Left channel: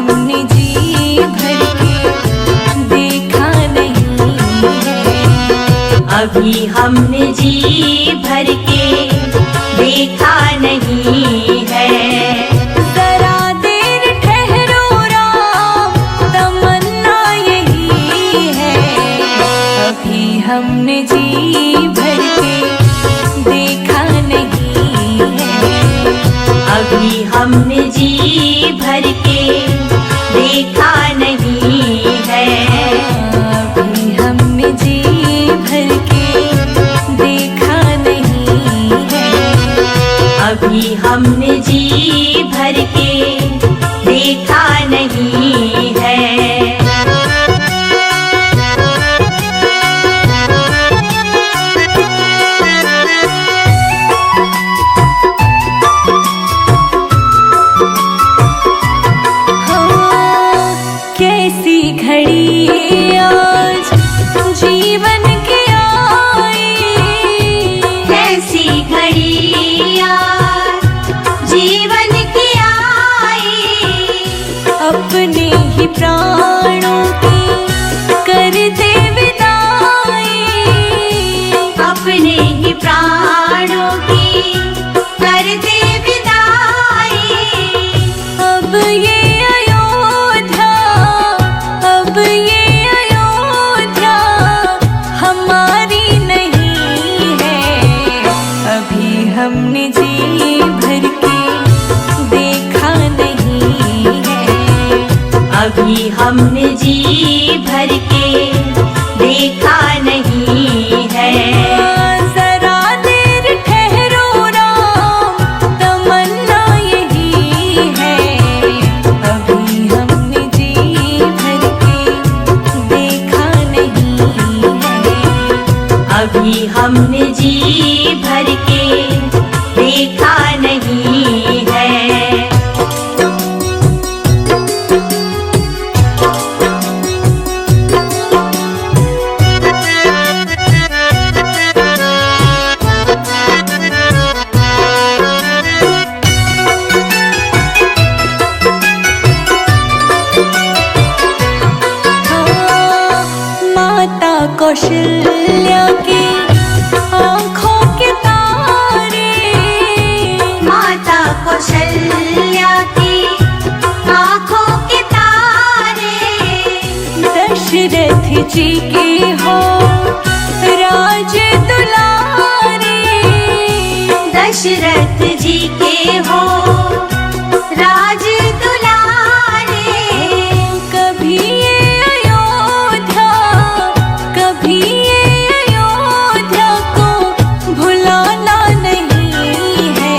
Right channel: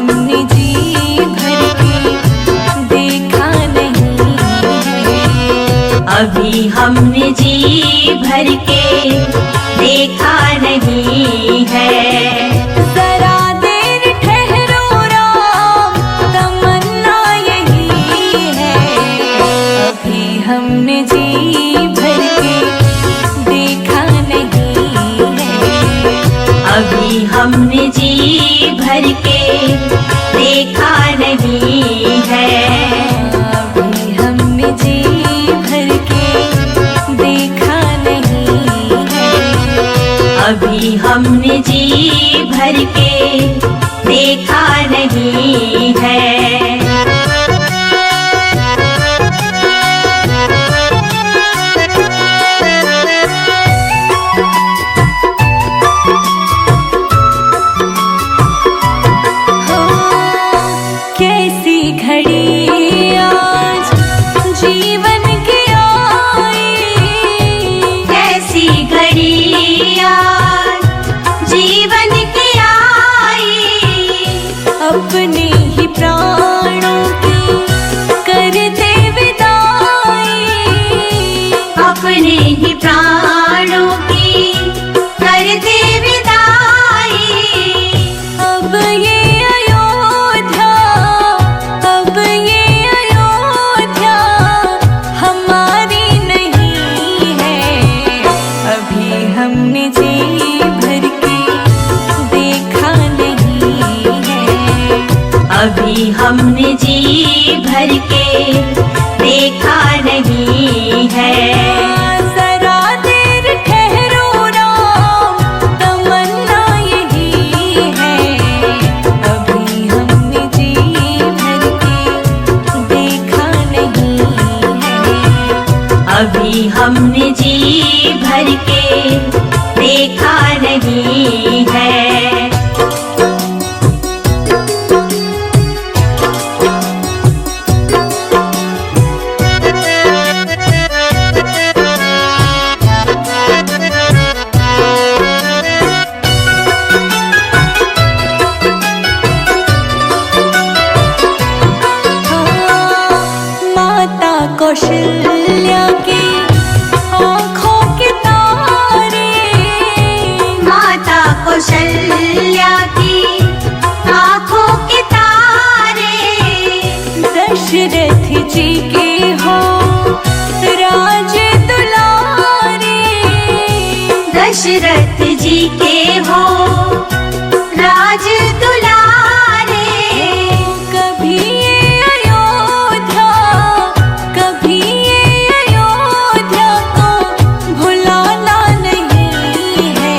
हमने जी भर के देखा नहीं है। अभी हमने जी भर के देखा नहीं है। जरा देर ठहरो राम, तमन्ना यही है। अभी हमने जी भर के देखा नहीं है। अभी हमने जी भर के देखा नहीं है। अभी हमने जी भर के देखा नहीं है। अभी हमने जी भर के देखा नहीं है। कैसी घड़ी आज जीवन की आई, कैसी घड़ी आज जीवन की आई। अपने ही प्राणों की करते विदाई, अपने ही प्राणों की करते विदाई। अब ये अब ये अयोध्या हमारी नहीं है। अभी हमने जी भर के देखा नहीं है। अभी हमने जी भर के देखा नहीं है। जरा देर ठहरो राम, तमन्ना यही है। अभी हमने जी भर के देखा नहीं है। अभी हमने जी भर के देखा नहीं है। माता कौशल्या की आँखों के तारे, माता कौशल्या की आँखों के तारे। दशरथ जी के हो राज दुलारे, दशरथ जी के हो राज दुलारे। कभी ये अयोध्या, कभी ये अयोध्या को भुलाना नहीं है।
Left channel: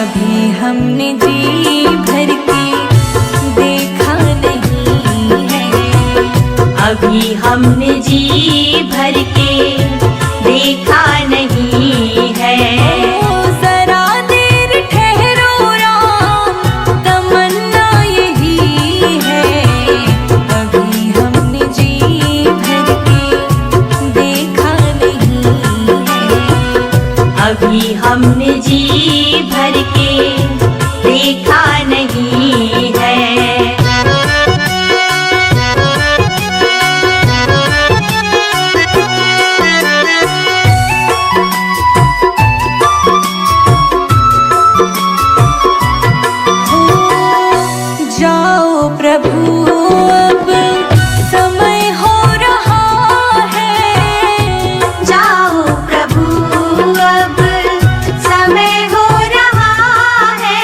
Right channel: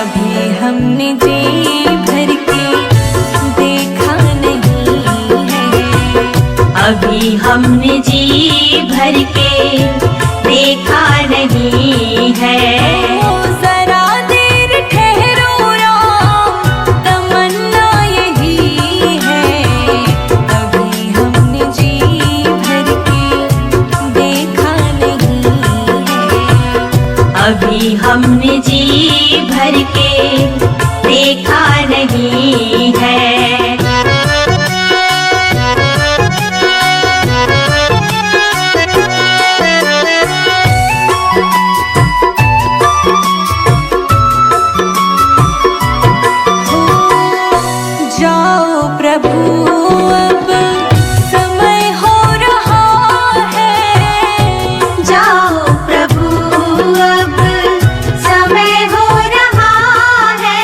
अभी हमने जी भर के देखा नहीं है। अभी हमने जी भर के देखा नहीं है। जरा देर ठहरो राम, तमन्ना यही है। अभी हमने जी भर के देखा नहीं है। अभी हमने जी भर के देखा नहीं है। जाओ प्रभु अब समय हो रहा है। जाओ प्रभु अब समय हो रहा है।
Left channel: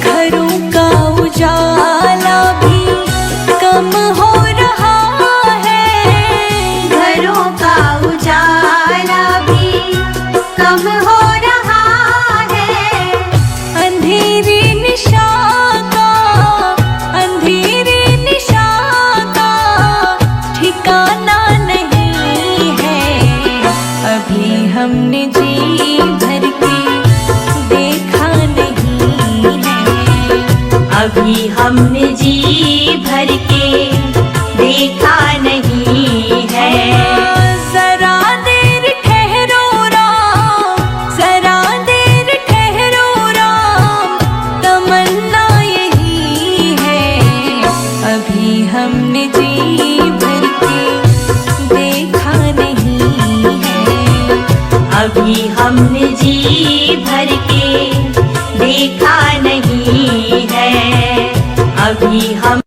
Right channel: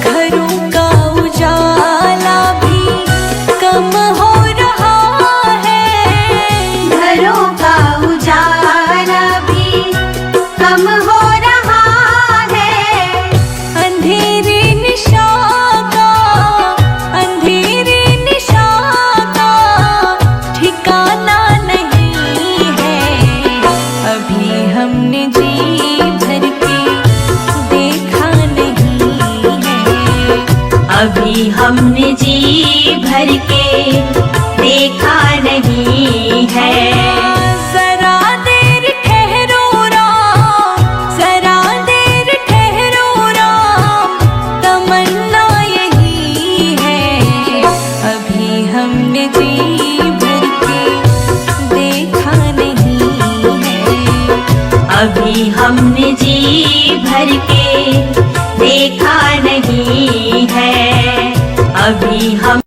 घरों का उजाला भी कम हो रहा है। घरों का उजाला भी कम हो रहा है। अंधेरी निशा का, अंधेरी निशा का ठिकाना नहीं है। अभी हमने जी भर के देखा नहीं है। अभी हमने जी भर के देखा नहीं है। जरा देर ठहरो राम, जरा देर ठहरो राम, तमन्ना यही है। अभी हमने जी भर के देखा नहीं है। अभी हम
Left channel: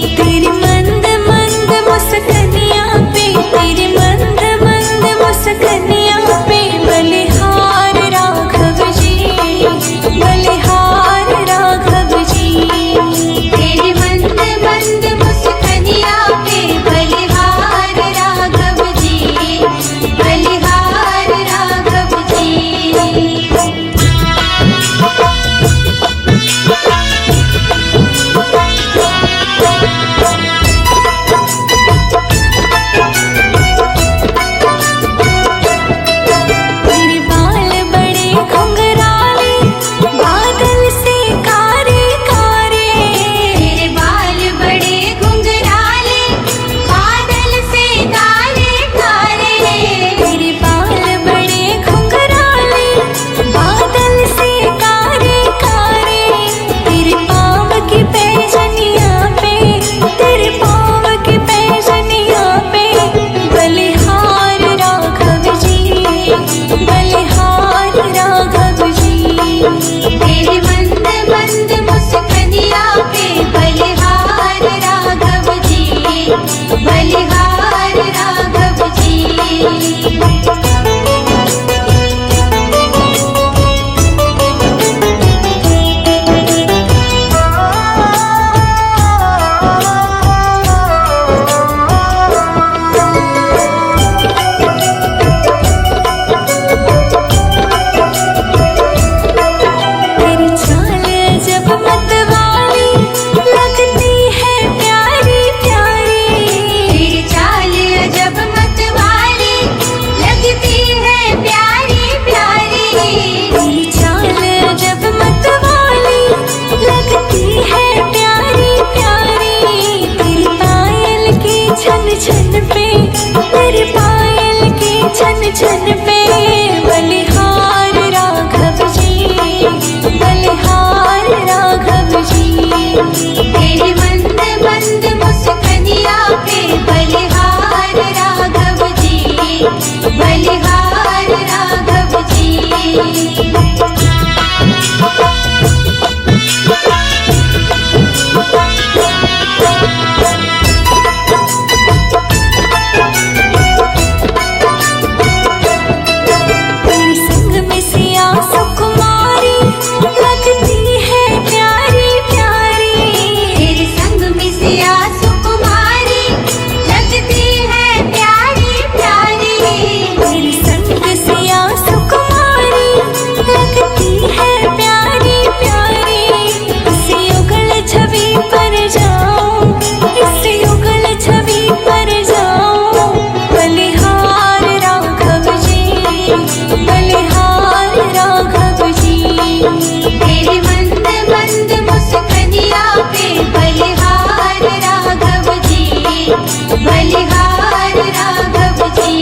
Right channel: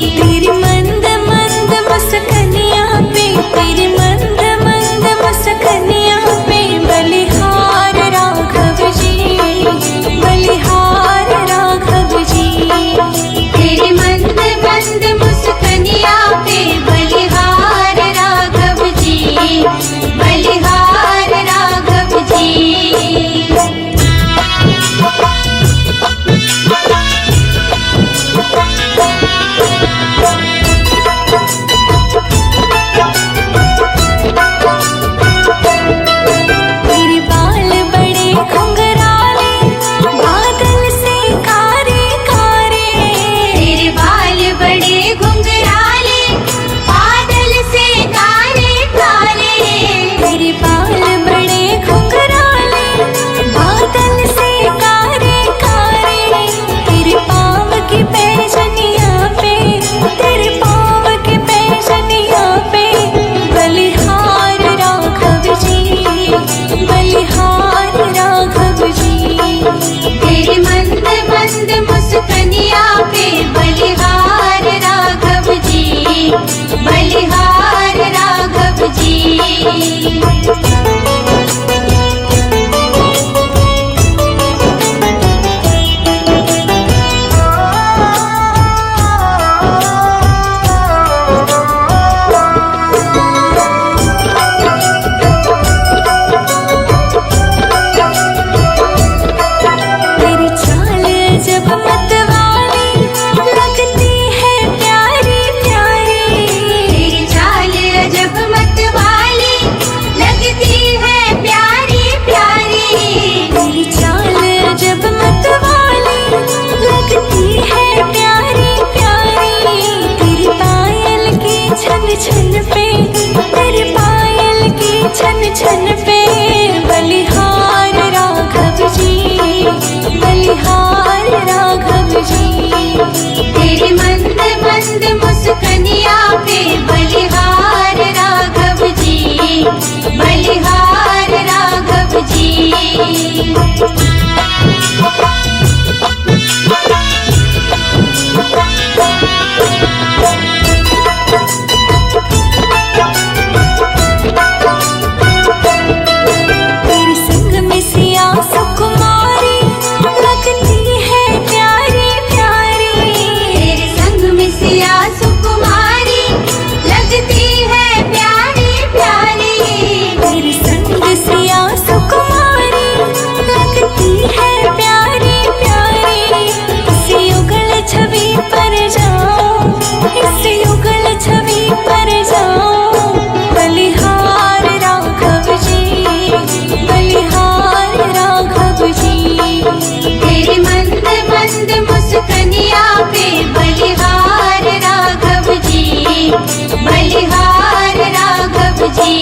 तेरी मंद मंद मुस्कनिया पे, तेरी मंद मंद मुस्कनिया पे बलिहार राघव जी, बलिहार राघव जी। तेरे मंद मंद मुस्कनिया पे बलिहार राघव जी, बलिहार राघव जी। तेरे बाल बड़े घुंघराले, बादल से कारे कारे। तेरे बाल बड़े घुंघराले, बादल से कारे कारे। तेरे बाल बड़े घुंघराले, बादल से कारे कारे। तेरे पाँव की पैजनिया पे, तेरे पाँव की पैजनिया पे बलिहार राघव जी, बलिहार राघव जी। तेरे मंद मंद मुस्कनिया पे बलिहार राघव जी, बलिहार राघव जी। तेरी चाल जब मतवाली लगती है प्यारी प्यारी। तेरी चाल जब मतवाली लगती है प्यारी प्यारी। तेरी चाल जब मतवाली लगती है प्यारी प्यारी। तेरी पायल की छन छन पे, तेरी पायल की छन छन पे बलिहार राघव जी, बलिहार राघव जी। तेरे मंद मंद मुस्कनिया पे बलिहार राघव जी, बलिहार राघव जी। तेरे संग में सिया सुकुमारी लगती है प्यारी प्यारी। तेरे संग में सिया सुकुमारी लगती है प्यारी प्यारी। तेरे संग सिया सुकुमारी लगती है प्यारी प्यारी। इस युगल छवि पर जाओ, इस युगल छवि पर जाओ बलिहार राघव जी, बलिहार राघव जी। तेरे मंद मंद मुस्कनिया पे बलिहार राघव जी, बलिहार राघव जी।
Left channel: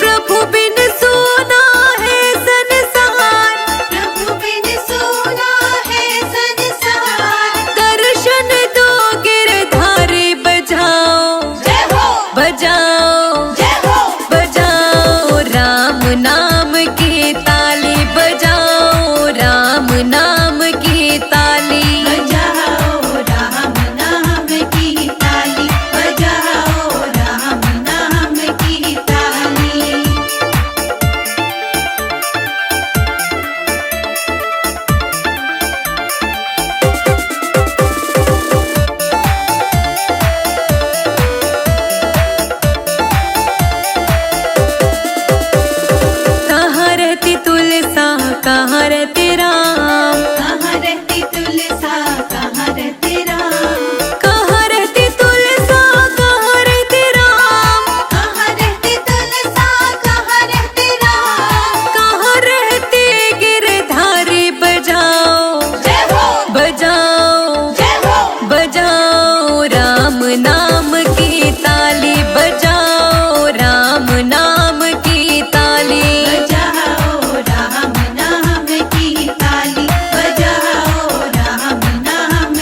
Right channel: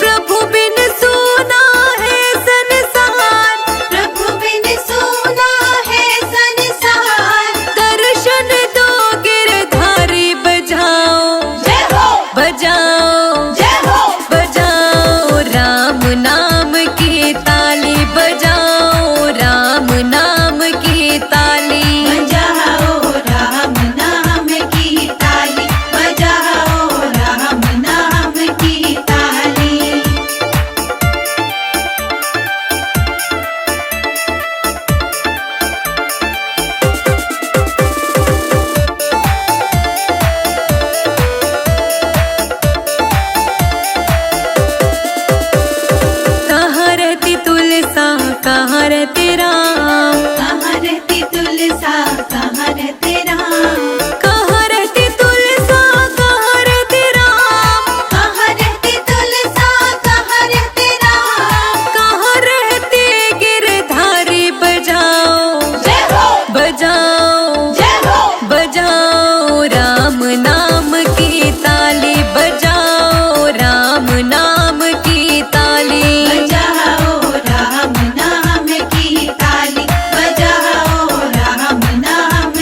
प्रभु बिन सोना है संसार, प्रभु बिन सोना है संसार। दर्शन दो गिरधारी बजाओ, जय हो, बजाओ, जय हो। बजाओ राम नाम की ताली, बजाओ राम नाम की ताली। बजाओ राम नाम की ताली, बजाओ राम नाम की ताली। कहाँ रहती तुलसा, कहाँ रहते राम, कहाँ रहती तुलसा, कहाँ रहते राम। कहाँ रहती तुलसा, कहाँ रहते राम, कहाँ रहती तुलसा, कहाँ रहते राम। कहाँ रहते गिरधारी बजाओ, जय हो, बजाओ, जय हो। बजाओ राम नाम की ताली, बजाओ राम नाम की ताली। बजाओ राम नाम की ताली, बजाओ राम नाम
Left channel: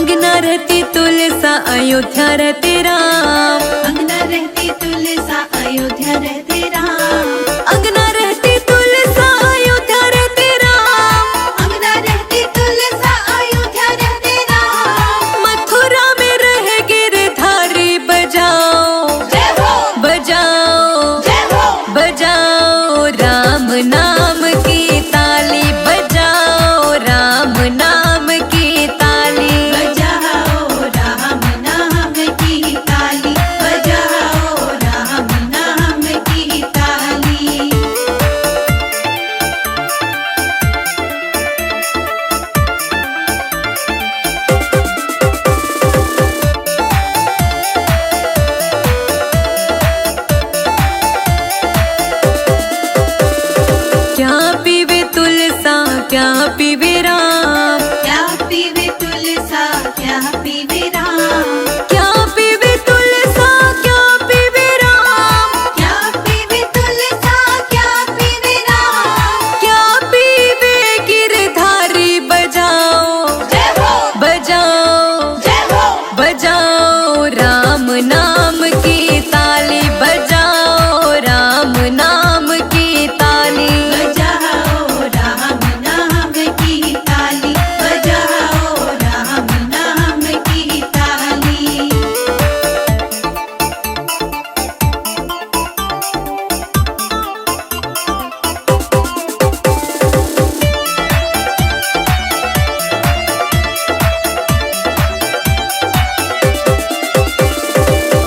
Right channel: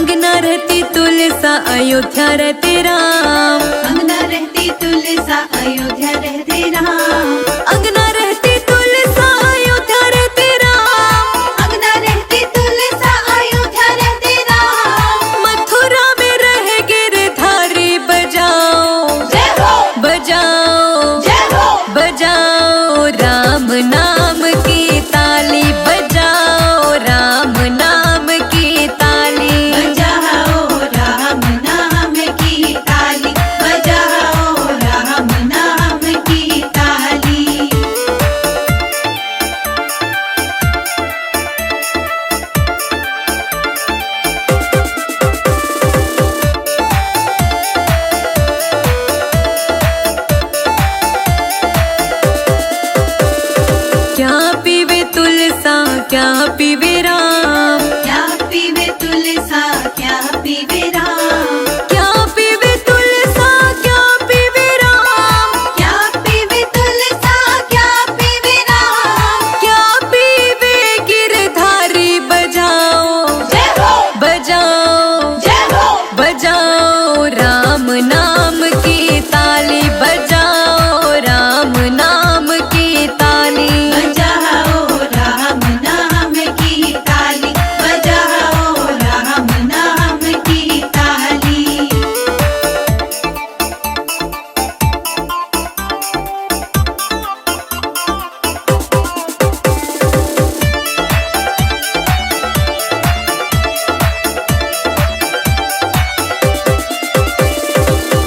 अंगना रहती तुलसा अयोध्या रहते राम। अंगना रहती तुलसा अयोध्या रहते राम। अंगना रहती तुलसा अयोध्या रहते राम। अंगना रहती तुलसा अयोध्या रहते राम। मथुरा में रहे गिरधारी बजाओ जय हो बजाओ जय हो बजाओ राम नाम की ताली बजाओ राम नाम की ताली। बजाओ राम नाम की ताली। बजाओ राम नाम की ताली। क्या पीवे तुलसा क्या पीवे राम। क्या पीवे तुलसा क्या पीवे राम। क्या पीवे तुलसा क्या पीवे राम। क्या पीवे तुलसा क्या पीवे राम। क्या पीवे गिरधारी बजाओ जय हो बजाओ जय हो बजाओ राम नाम की ताली बजाओ राम नाम की ताली। बजाओ राम नाम की ताली। बजाओ राम नाम की ताली।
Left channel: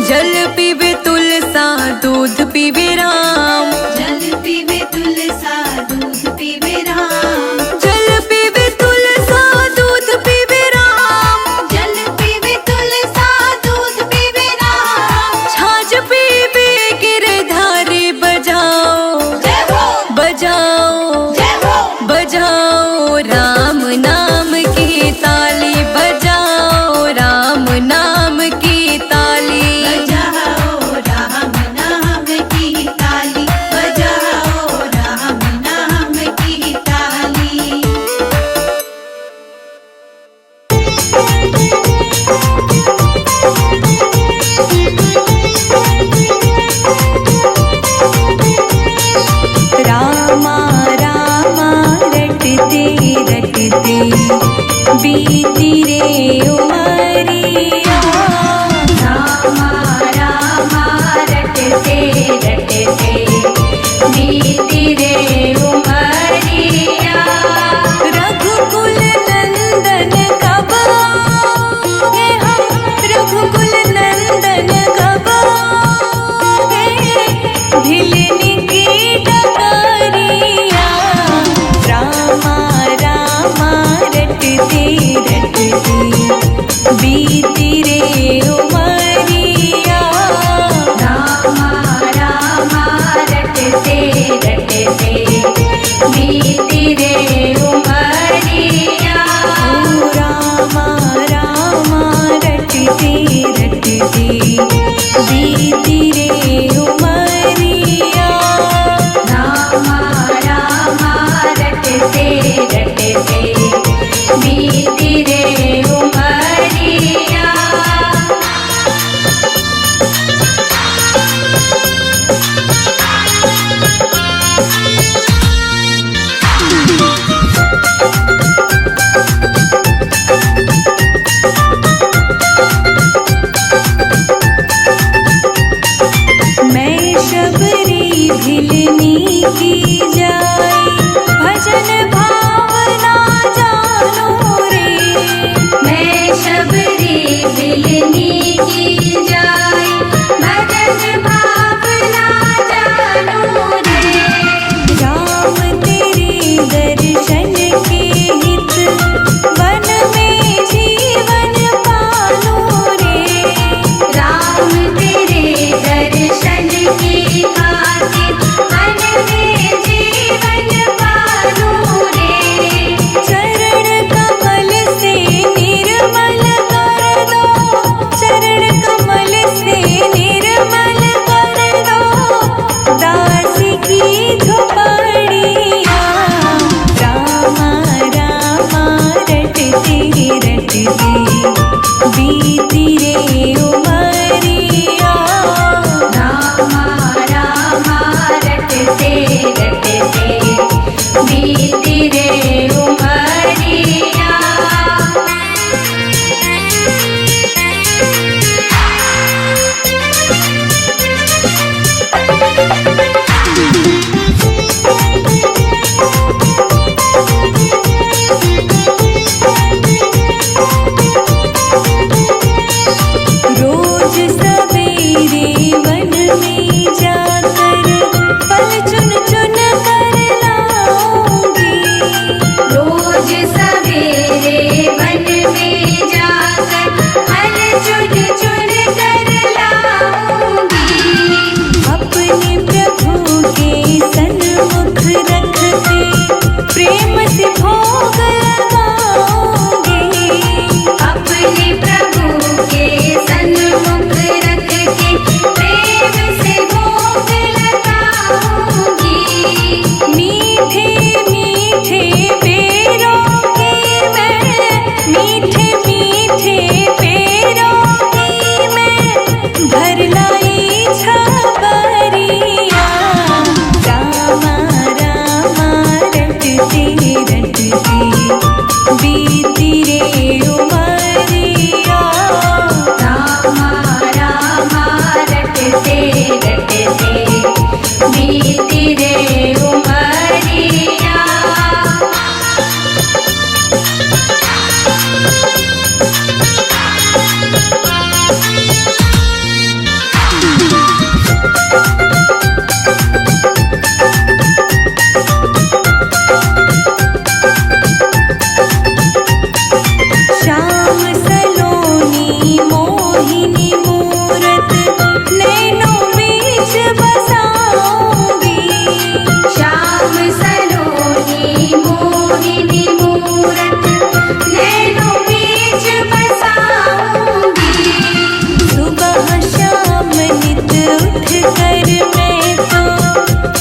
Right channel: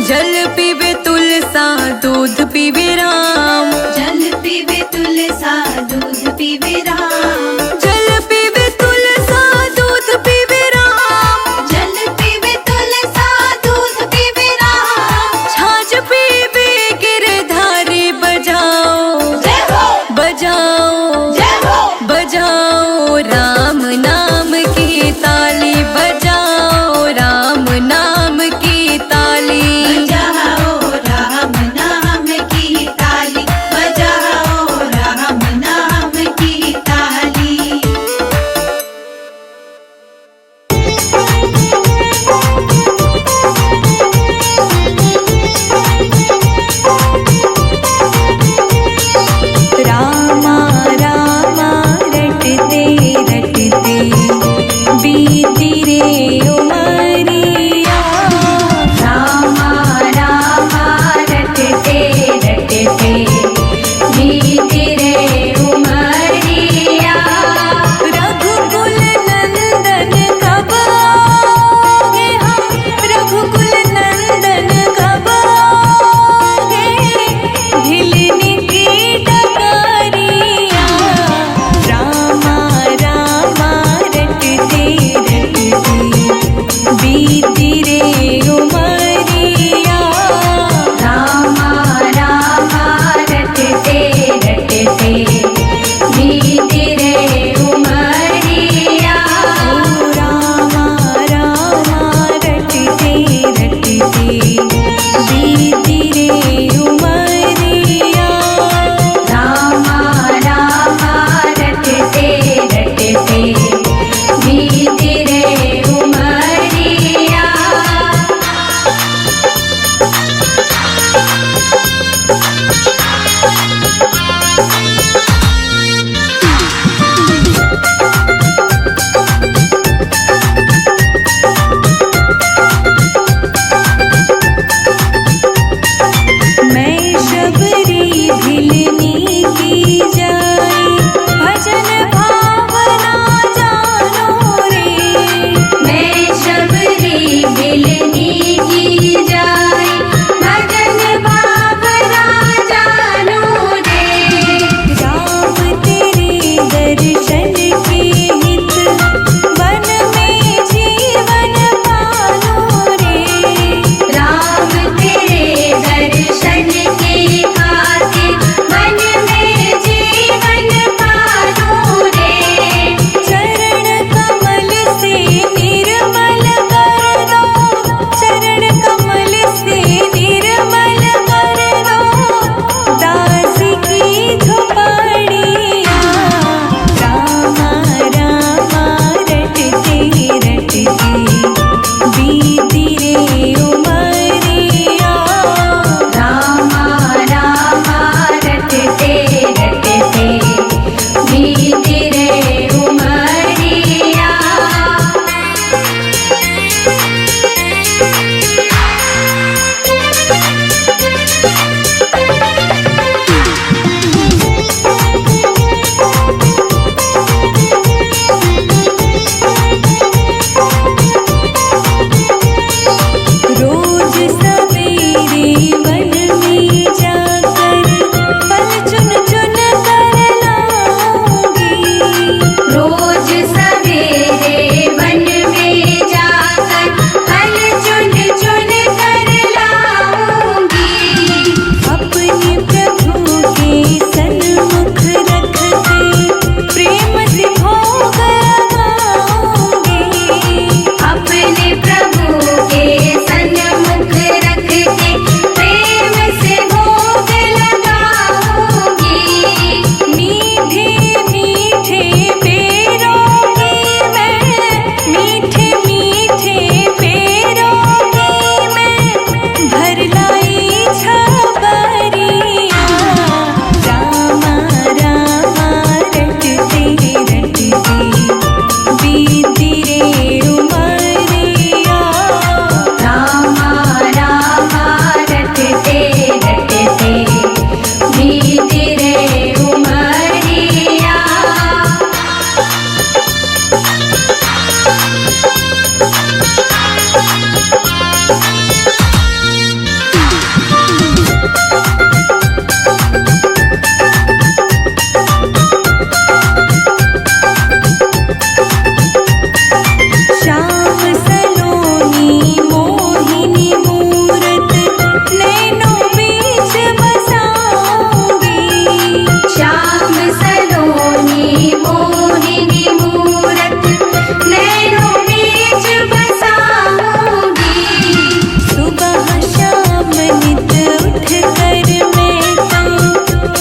जल पीवे तुलसा दूध पीवे राम। जल पीवे तुलसा दूध पीवे राम। जल पीवे तुलसा दूध पीवे राम। जल पीवे तुलसा दूध पीवे राम। छाछ पीवे गिरधारी बजाओ जय हो बजाओ जय हो बजाओ राम नाम की ताली बजाओ राम नाम की ताली। बजाओ राम नाम की ताली। बजाओ राम नाम की ताली। रामा रामा रटते रटते बीती रे उमरिया। रामा रामा रटते रटते बीती रे उमरिया। रघुकुल नंदन कब आओगे हम रघुकुल नंदन कब आओगे भिलनी की डगरिया। रामा रामा रटते रटते बीती रे उमरिया। रामा रामा रटते रटते बीती रे उमरिया। ओ रामा रामा रटते रटते बीती रे उमरिया। रामा रामा रटते रटते बीती रे उमरिया। मैं शबरी भिलनी की जाई भजन भावना जानो रे। मैं शबरी बिलनी की जाई भजन भावना जानो रे। राम तेरे दर्शन के हित वन में जीवन पालो रे। राम तेरे दर्शन की खातिर मन में जीवन पालो रे। चरण कमल से निर्मल कर दो चरण कमल से निर्मल कर दो दासी की झोपड़िया। रामा रामा रटते रटते बीती रे उमरिया। रामा रामा रटते रटते बीती रे उमरिया। रोज सवेरे वन में जाकर फल चुन चुन कर लाऊंगी। रोज सवेरे वन में जाकर फल चुन चुन कर लाऊंगी। अपने प्रभु के सन्मुख रख के प्रेम से भोग लगाऊंगी। अपने प्रभु के सन्मुख रख के प्रेम से भोग लगाऊंगी। मीठे मीठे पेड़ों की मैं, मीठे मीठे पेड़ों की मैं भर लाई छबरिया। रामा रामा रटते रटते बीती रे उमरिया। रामा रामा रटते रटते बीती रे उमरिया। श्याम सलोनी मोहिनी मूरत नैनों बीच बसाऊंगी। श्याम सलोनी मोहिनी मूरत नैनों बीच बसाऊंगी। सुबह शाम नित उठ कर मैं तो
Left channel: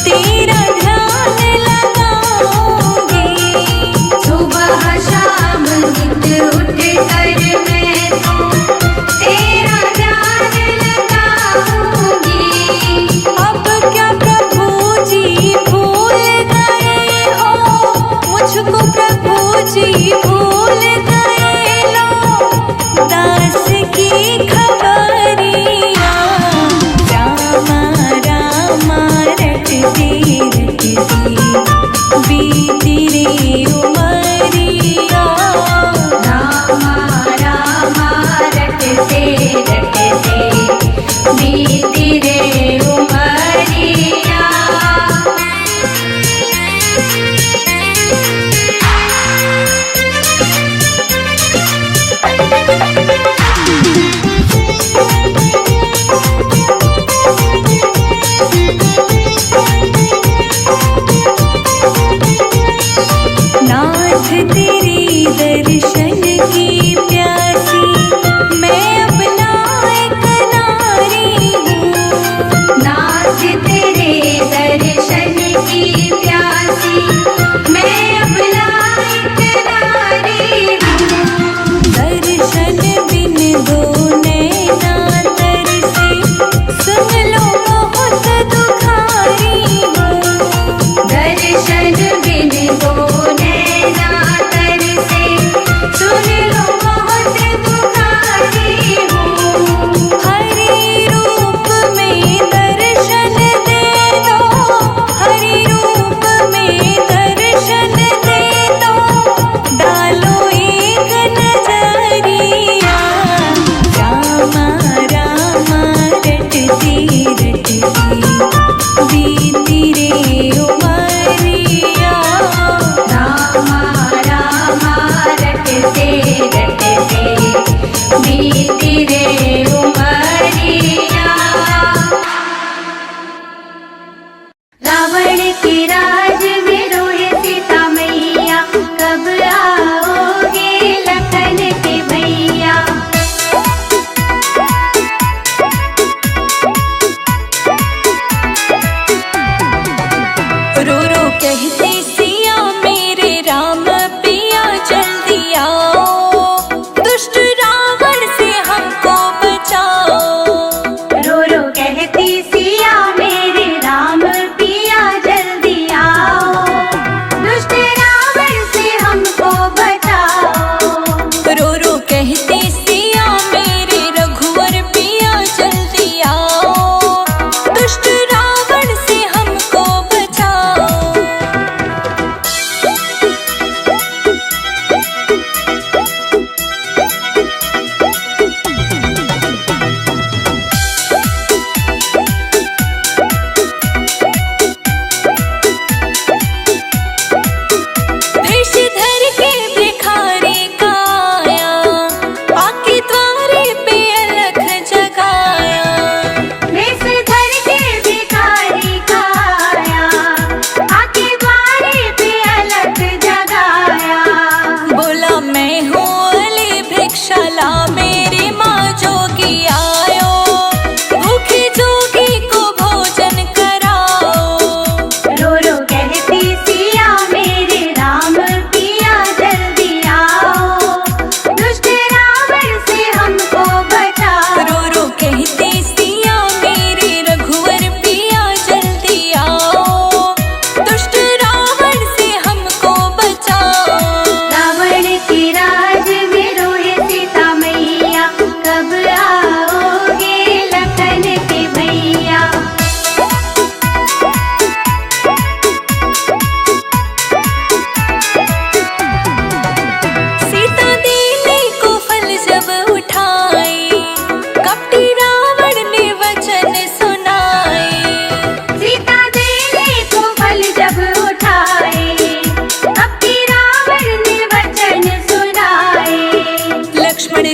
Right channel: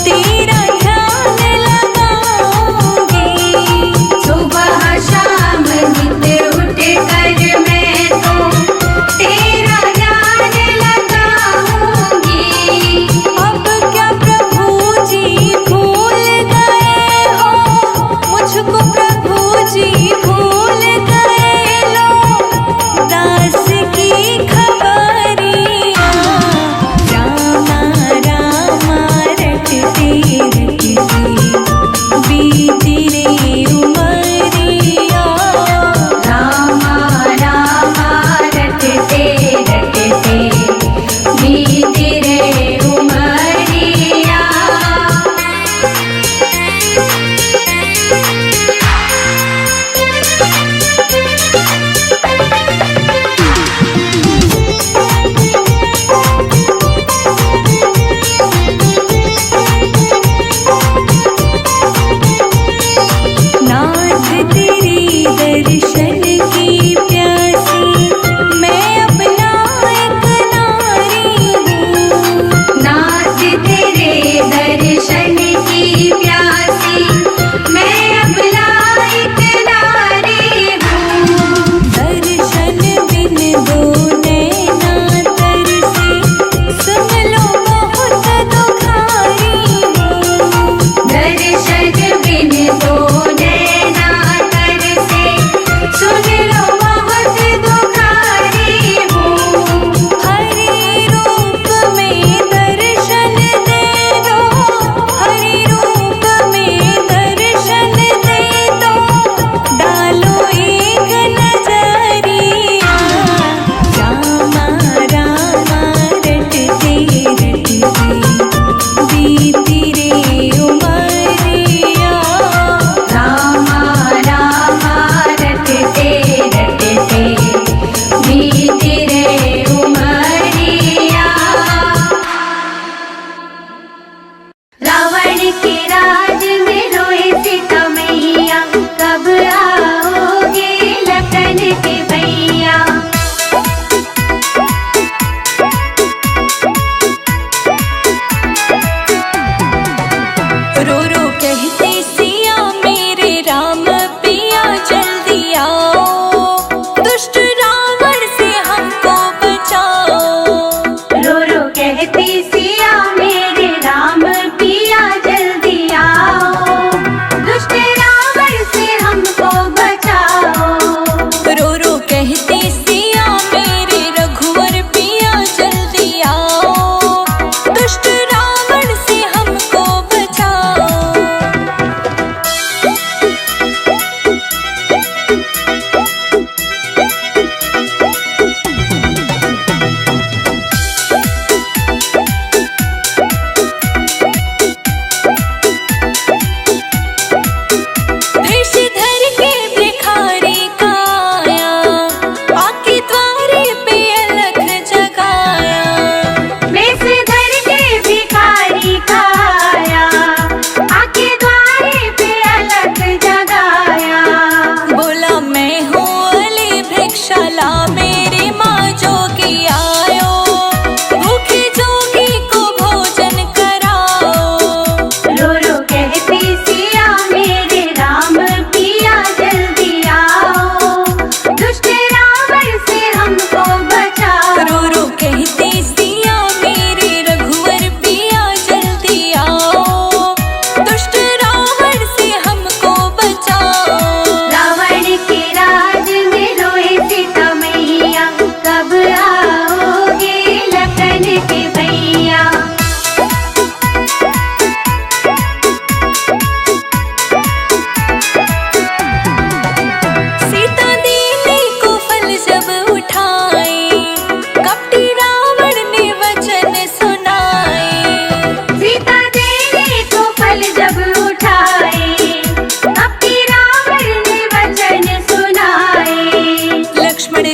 तेरा ध्यान लगाऊंगी। सुबह शाम नित उठ कर मैं तो तेरा ध्यान लगाऊंगी। अब क्या प्रभु जी भूल गए हो, मुझको प्रभु जी भूल गए। लो दास की खबरिया। रामा रामा रटते रटते बीती रे उमरिया। रामा रामा रटते रटते बीती रे उमरिया। नाथ तेरे दर्शन की प्यासी मैं अब लायक नारी हूँ। नाथ तेरे दर्शन की प्यासी मैं अब लायक नारी हूँ। दर्शन बिन दो नैना तरसे, सुन लो बहुत दुखारी हूँ। दर्शन बिन दो नैना तरसे, सुन लो बहुत दुखारी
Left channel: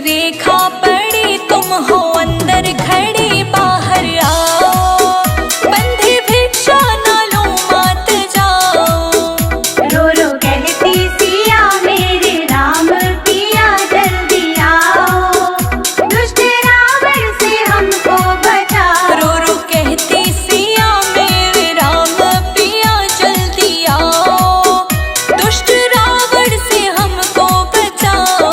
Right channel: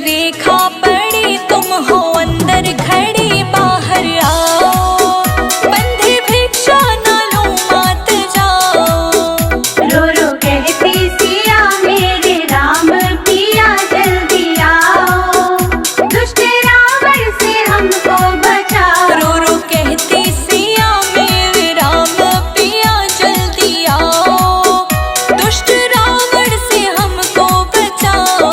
रेखा पड़ी तुम हो अंदर खड़ी बाहर आओ, बंधे भिक्षा न लो मात जाओ। रो रो कहती सिया मेरे राम पिया जल्दी आओ, दुष्ट रावण से हमको बचाओ। रो रो कहती सिया मेरे राम पिया जल्दी आओ, दुष्ट रावण से हमको बचाओ।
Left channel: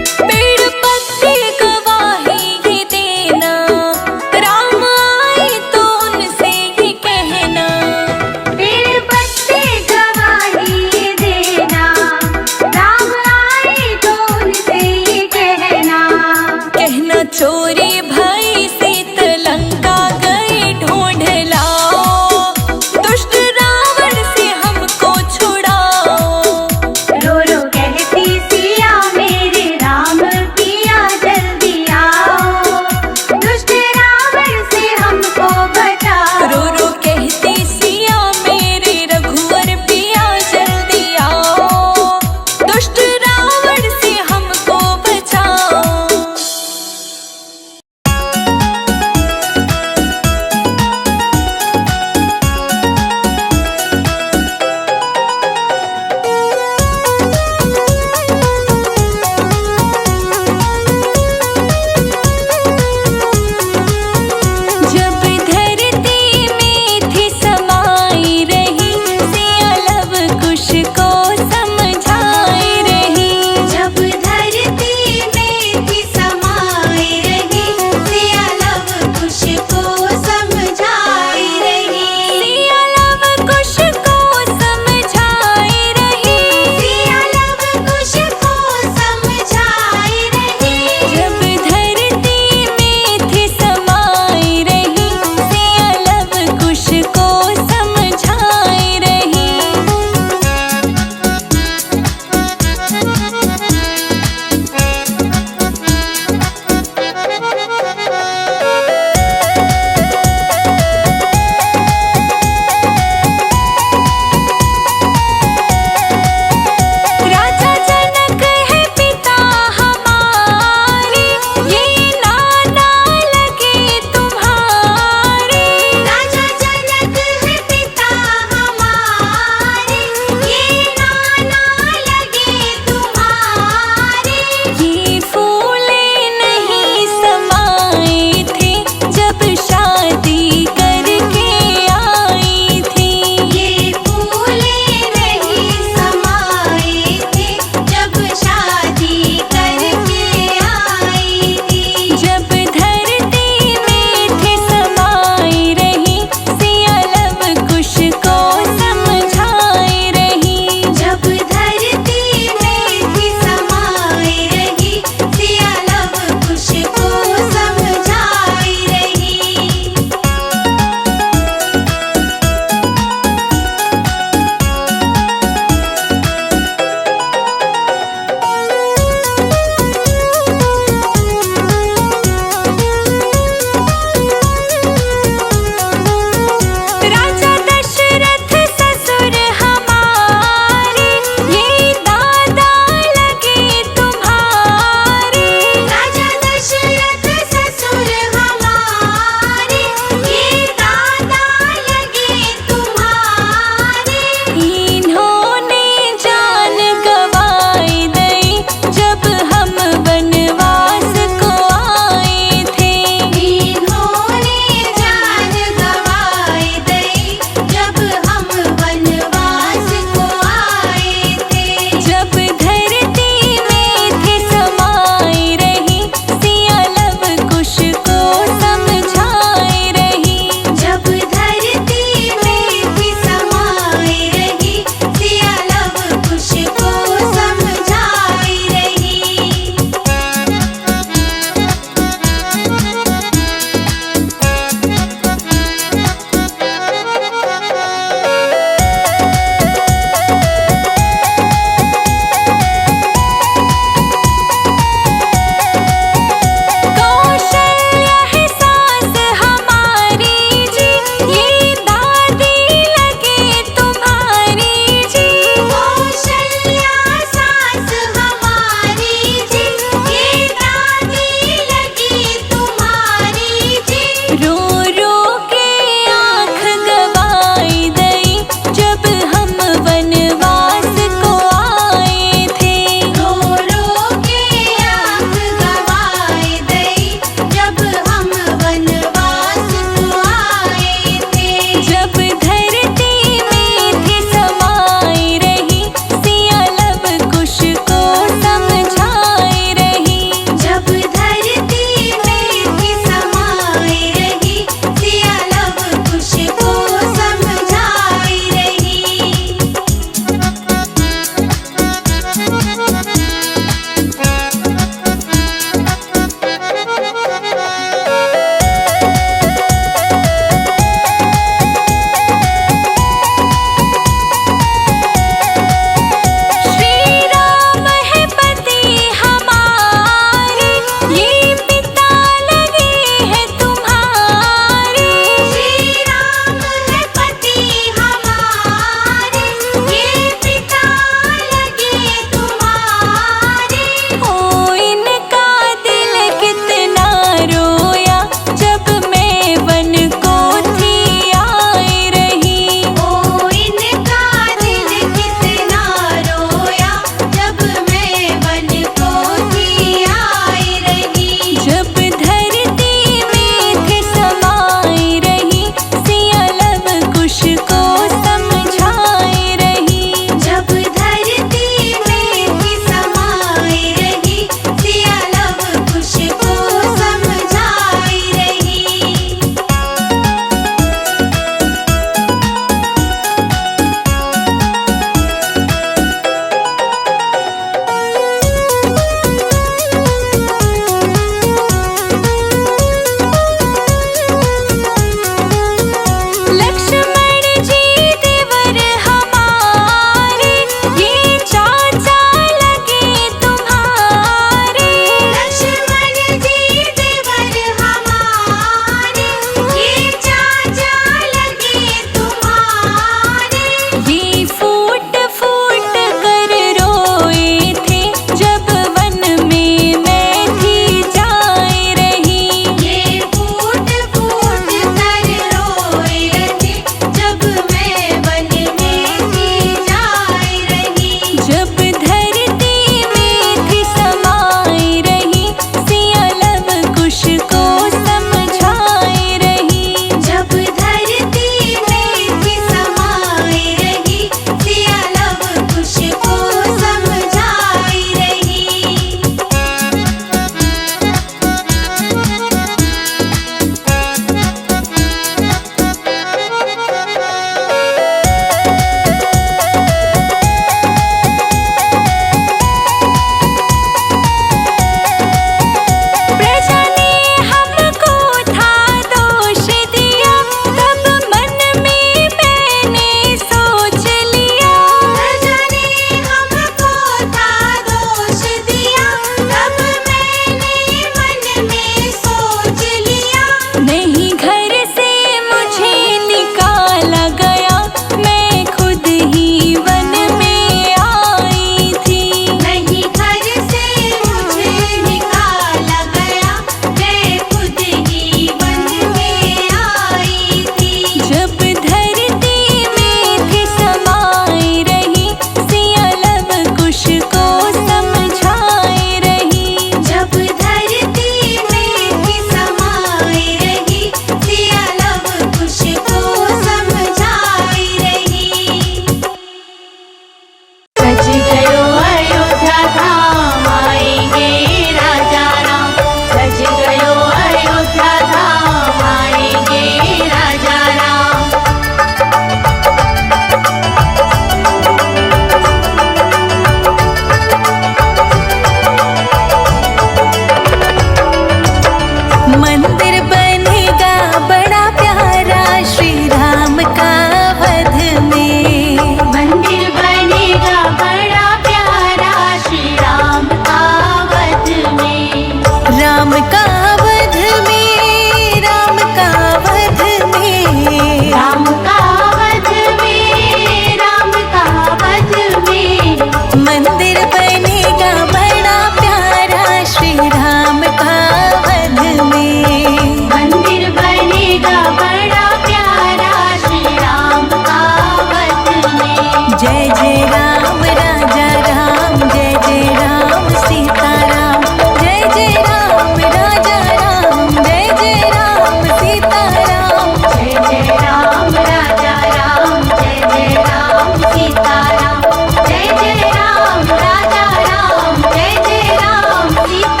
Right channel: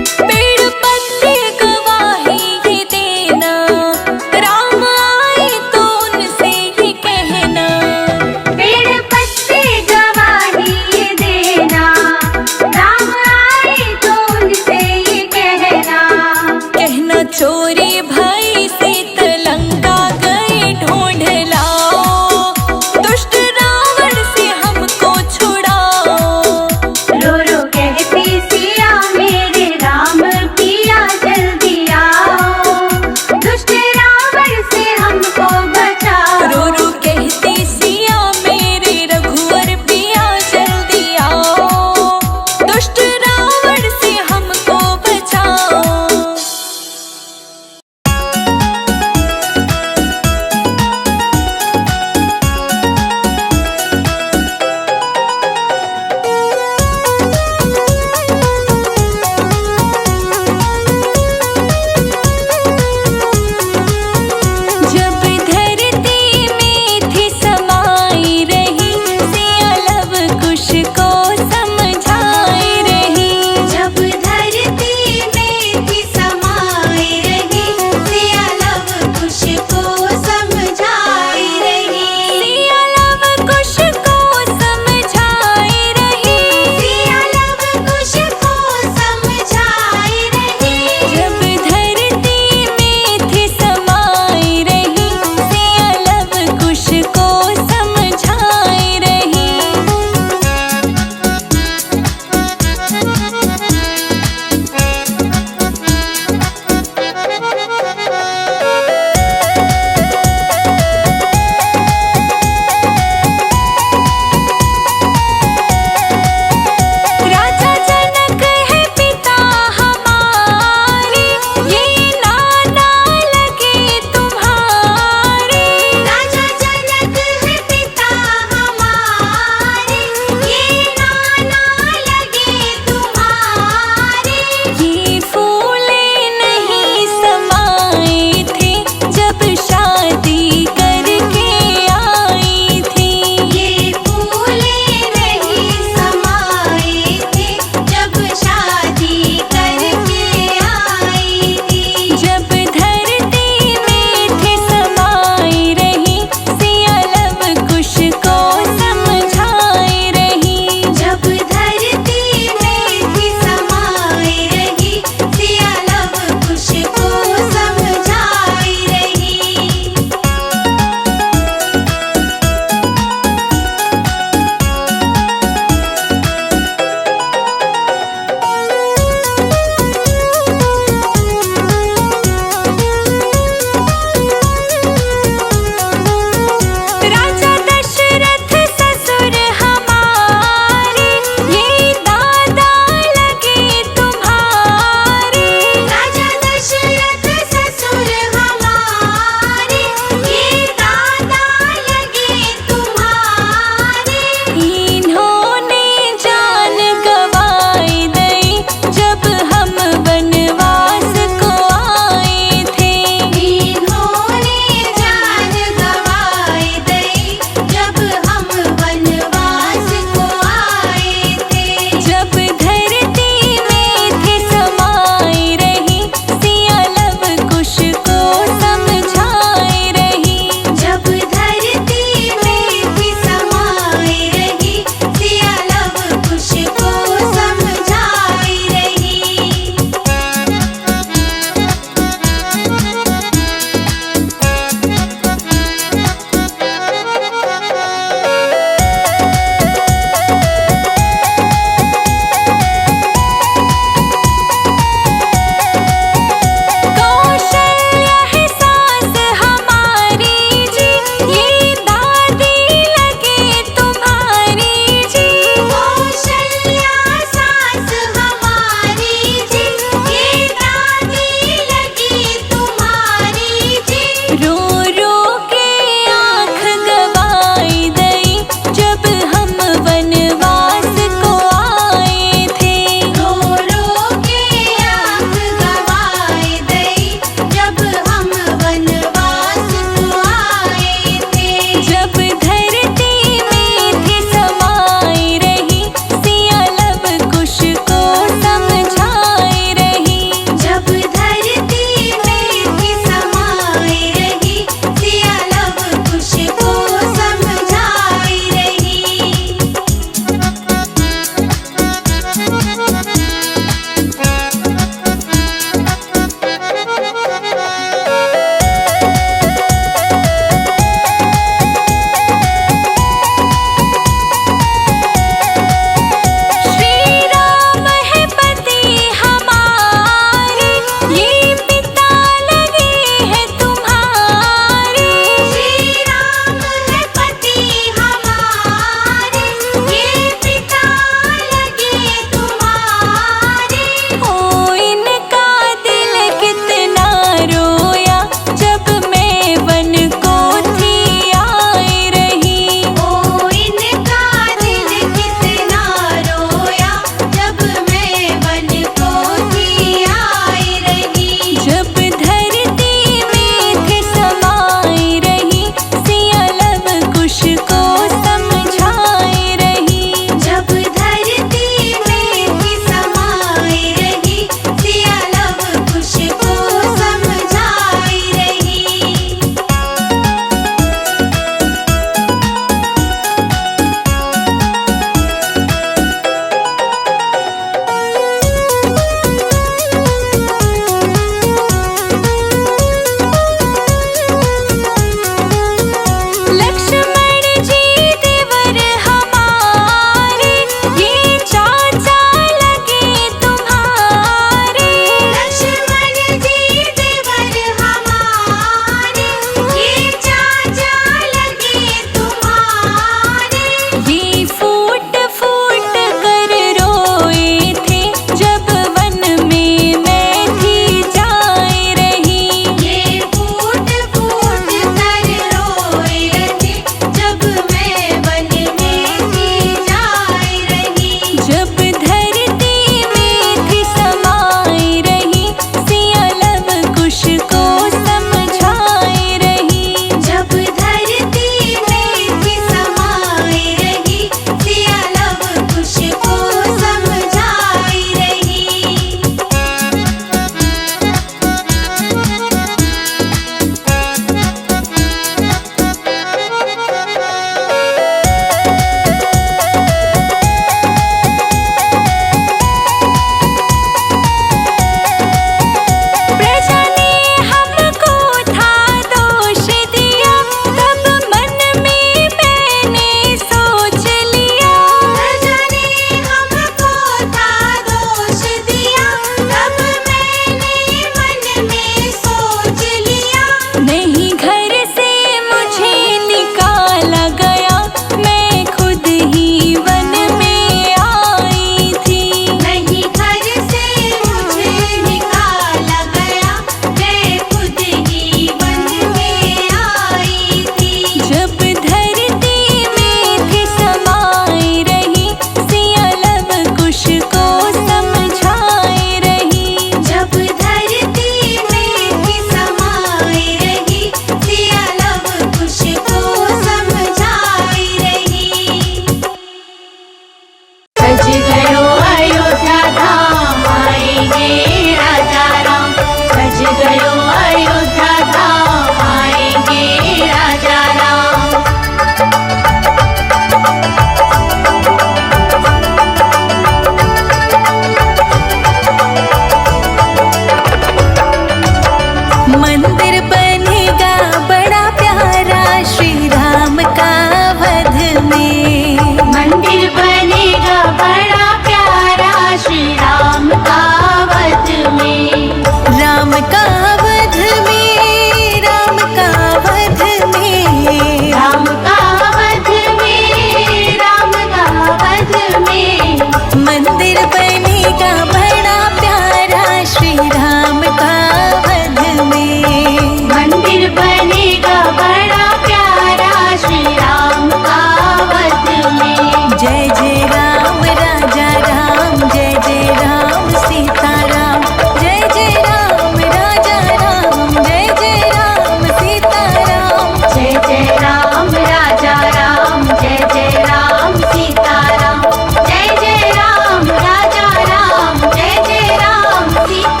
जय जय राम राजा राम, जय जय राम सीताराम। जय जय राम राजा राम, जय जय राम सीताराम। जय जय राम राजा राम, जय जय राम सीताराम। जय जय राम राजा राम, जय जय राम सीताराम।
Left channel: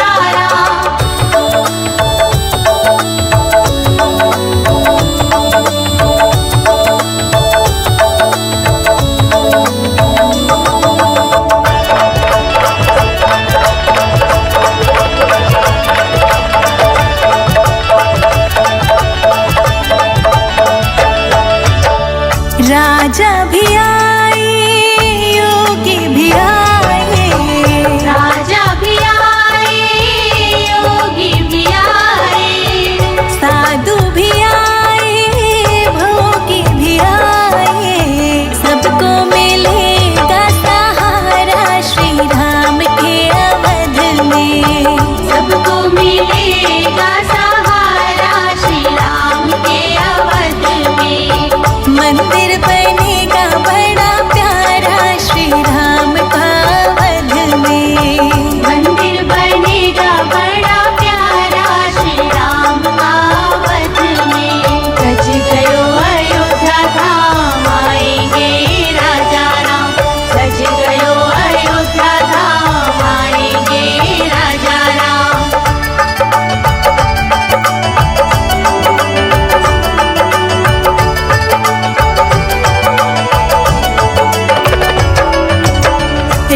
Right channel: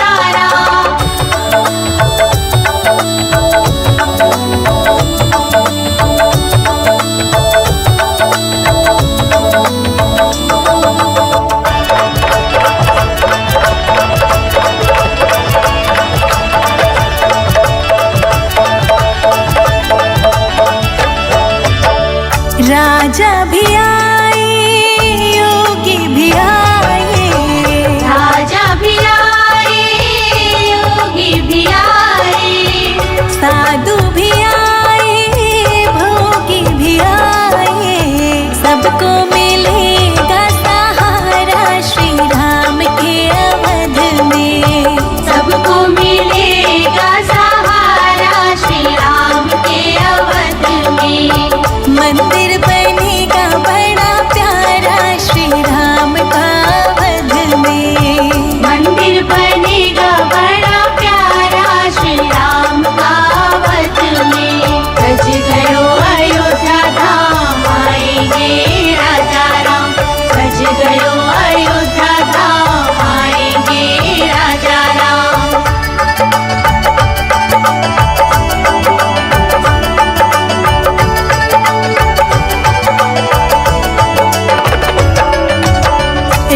राजा भी आए, योगी भी आए, राजा भी आए, योगी भी आए, साधु भी आए, भोगी भी आए। सबको मिलेगा सहारा श्री राम के अवध में। सबको मिलेगा सहारा श्री राम के अवध में। मंदिर बनेगा बड़ा प्यारा श्री राम का अवध में। मंदिर बनेगा बड़ा प्यारा श्री राम का अवध में। सज गयो अयोध्या धाम, आएंगे राजा राम। सज गयो अयोध्या धाम, आएंगे राजा राम।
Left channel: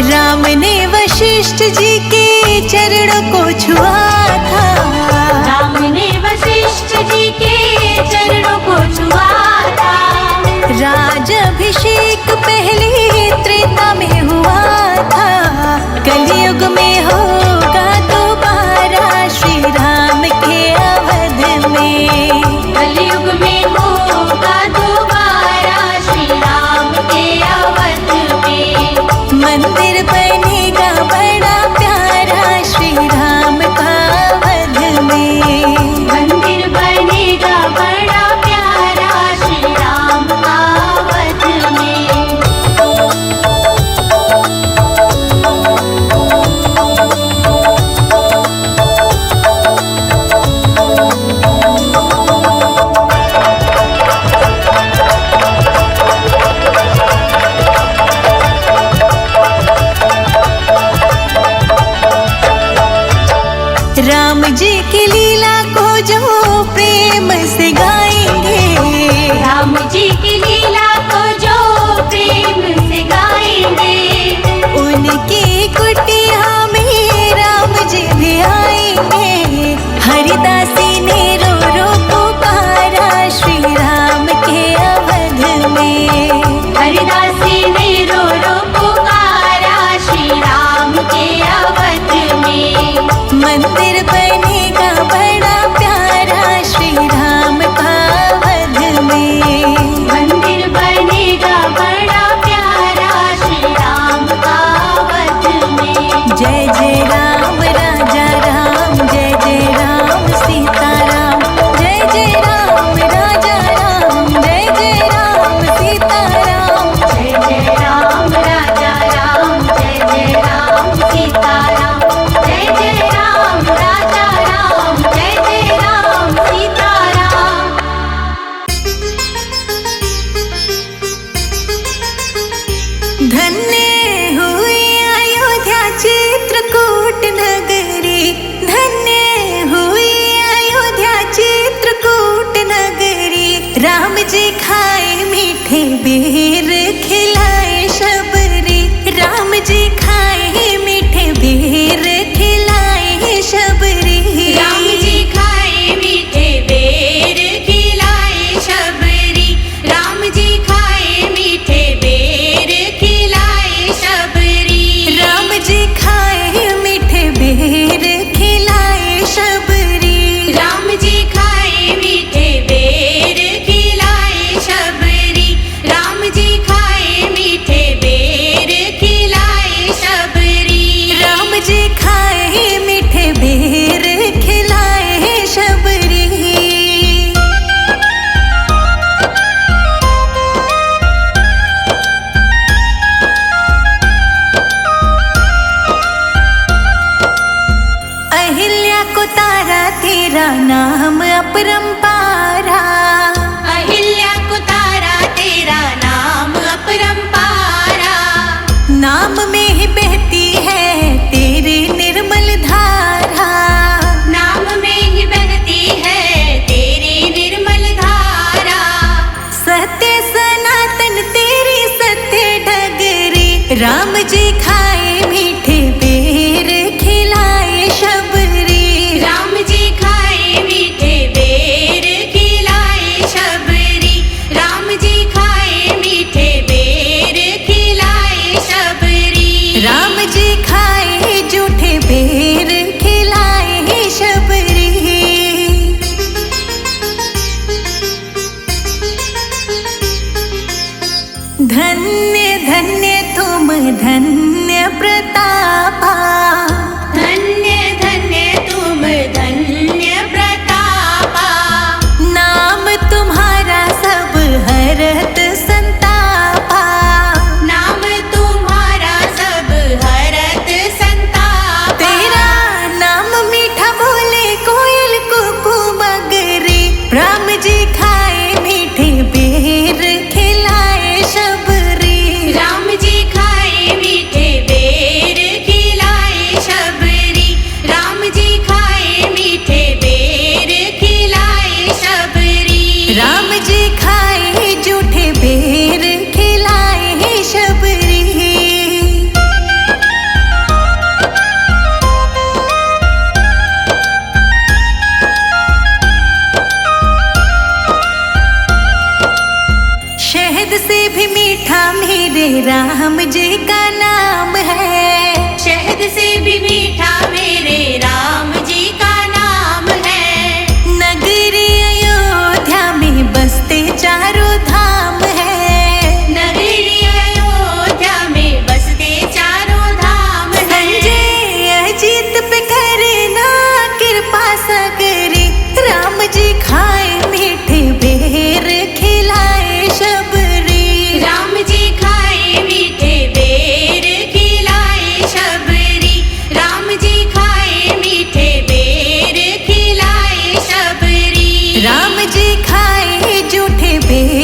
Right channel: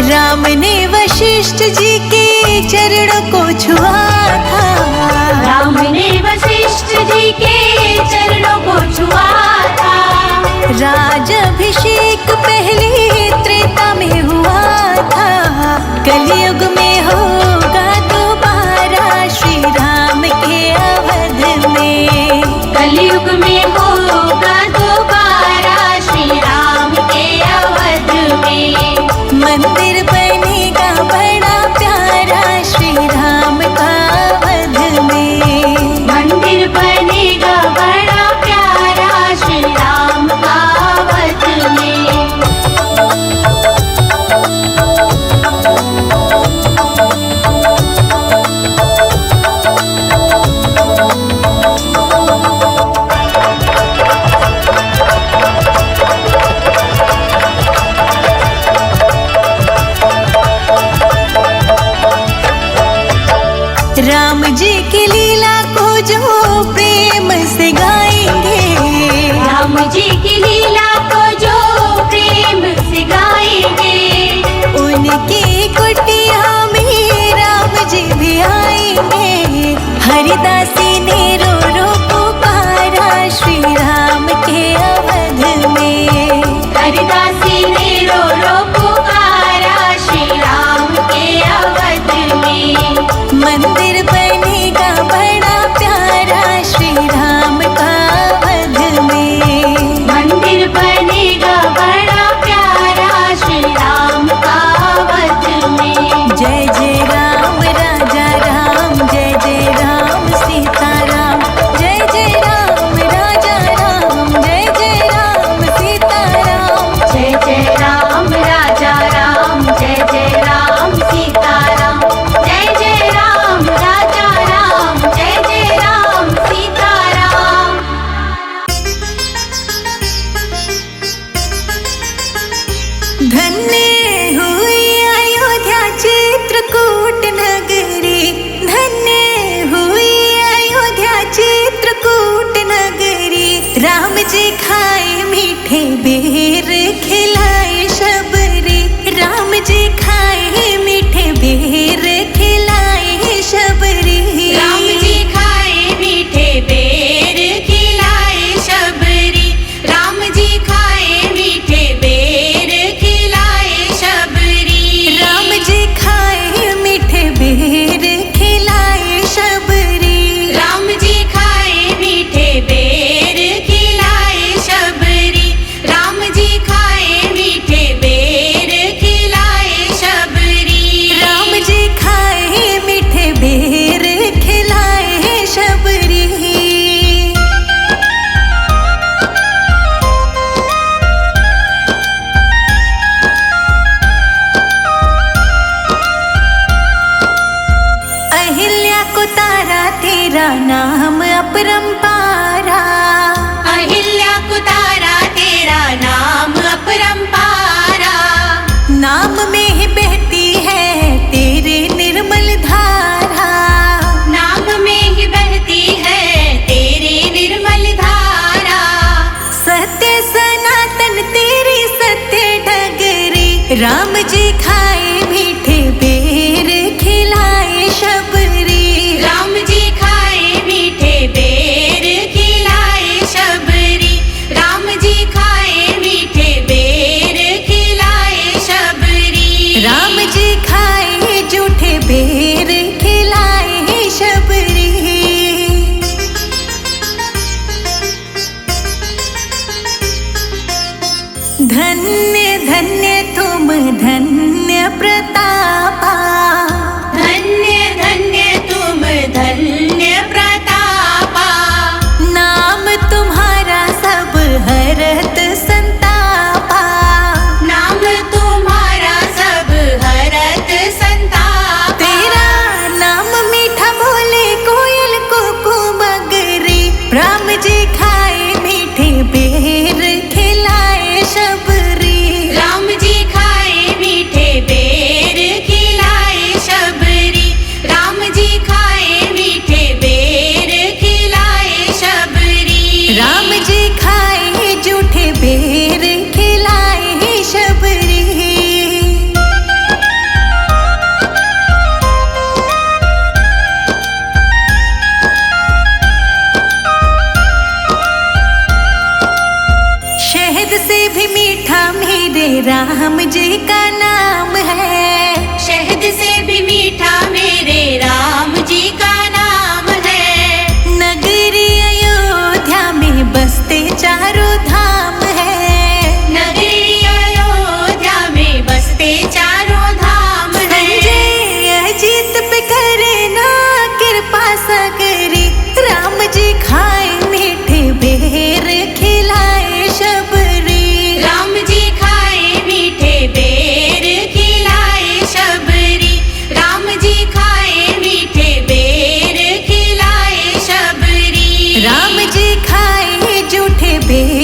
राम ने वशिष्ठ जी के चरणों को छुआ था। राम ने वशिष्ठ जी के चरणों को छुआ था। राजाभिषेक पहले त्रेता में हुआ था। कलयुग में होगा दोबारा श्री राम के अवध में। कलयुग में होगा दोबारा श्री राम के अवध में। मंदिर बनेगा बड़ा प्यारा श्री राम का अवध में। मंदिर बनेगा बड़ा प्यारा श्री राम का अवध में। राम जी की लीला को जो प्रेम से गाएंगे। राम जी की लीला को जो प्रेम से गाएंगे। उनकी कुटिया में राम जी भी आएंगे। हरिदासी ने रो रो पुकारा श्री राम के अवध में। हरिदासी ने रो रो पुकारा श्री राम के अवध में। मंदिर बनेगा बड़ा प्यारा श्री राम का अवध में। मंदिर बनेगा बड़ा प्यारा श्री राम का अवध में। जय जय राम राजा राम, जय जय राम सीताराम। जय जय राम राजा राम, जय जय राम सीताराम। जय जय राम राजा राम, जय जय राम सीताराम। जय जय राम राजा राम, जय जय राम सीताराम। धन्य हुई अयोध्या चित्रकूट नगरी। धन्य हुई अयोध्या चित्रकूट नगरी। राम जी खाए मीठे बेर, खिलाए शबरी। राम जी खाए मीठे बेर, खिलाए शबरी। राम जी खाए मीठे बेर, खिलाए शबरी। राम जी खाए मीठे बेर, खिलाए शबरी। राम जी खाए मीठे बेर, खिलाए शबरी। राम जी खाए मीठे बेर, खिलाए शबरी। राम जी खाए मीठे बेर, तेरा नाम अपरंपारा। अहिल्या को तारा तेरा नाम अपरंपारा। नाम में ही बहती है तेरी निर्मल धारा। नाम में ही बहती है तेरी निर्मल धारा। सत्य सनातन तेरी सत्य डगरी। राम जी खाए मीठे बेर खिलाए शबरी। राम जी खाए मीठे बेर खिलाए शबरी। राम जी खाए मीठे बेर खिलाए शबरी। राम जी खाए जूठे बेर खिलाए शबरी। धन्य धन्य तुम धन्य प्रतापा। धन्य धन्य तुम धन्य प्रतापा। नाम तुम्हारा सब हरत संतापा। नाम तुम्हारा सब हरत संतापा। तेरा नाम मीठा बोले कोयल कुकू मगरी। राम जी खाए मीठे बेर खिलाए शबरी। राम जी खाए मीठे बेर खिलाए शबरी। राम जी खाए मीठे बेर खिलाए शबरी। राम जी खाए जूठे बेर खिलाए शबरी। शहद से भी मीठा मेरे राम जी का नाम है। शहद से भी मीठा मेरे राम जी का नाम है। नगरी अयोध्या में बसते चारों धाम है। नगरी अयोध्या में बसते चारों धाम है। संजय अजीत पे करे ना कृपा सगरी। राम जी खाए मीठे बेर खिलाए शबरी। राम जी खाए मीठे बेर खिलाए शबरी। राम जी खाए मीठे बेर खिलाए शबरी। राम जी खाए जूठे बेर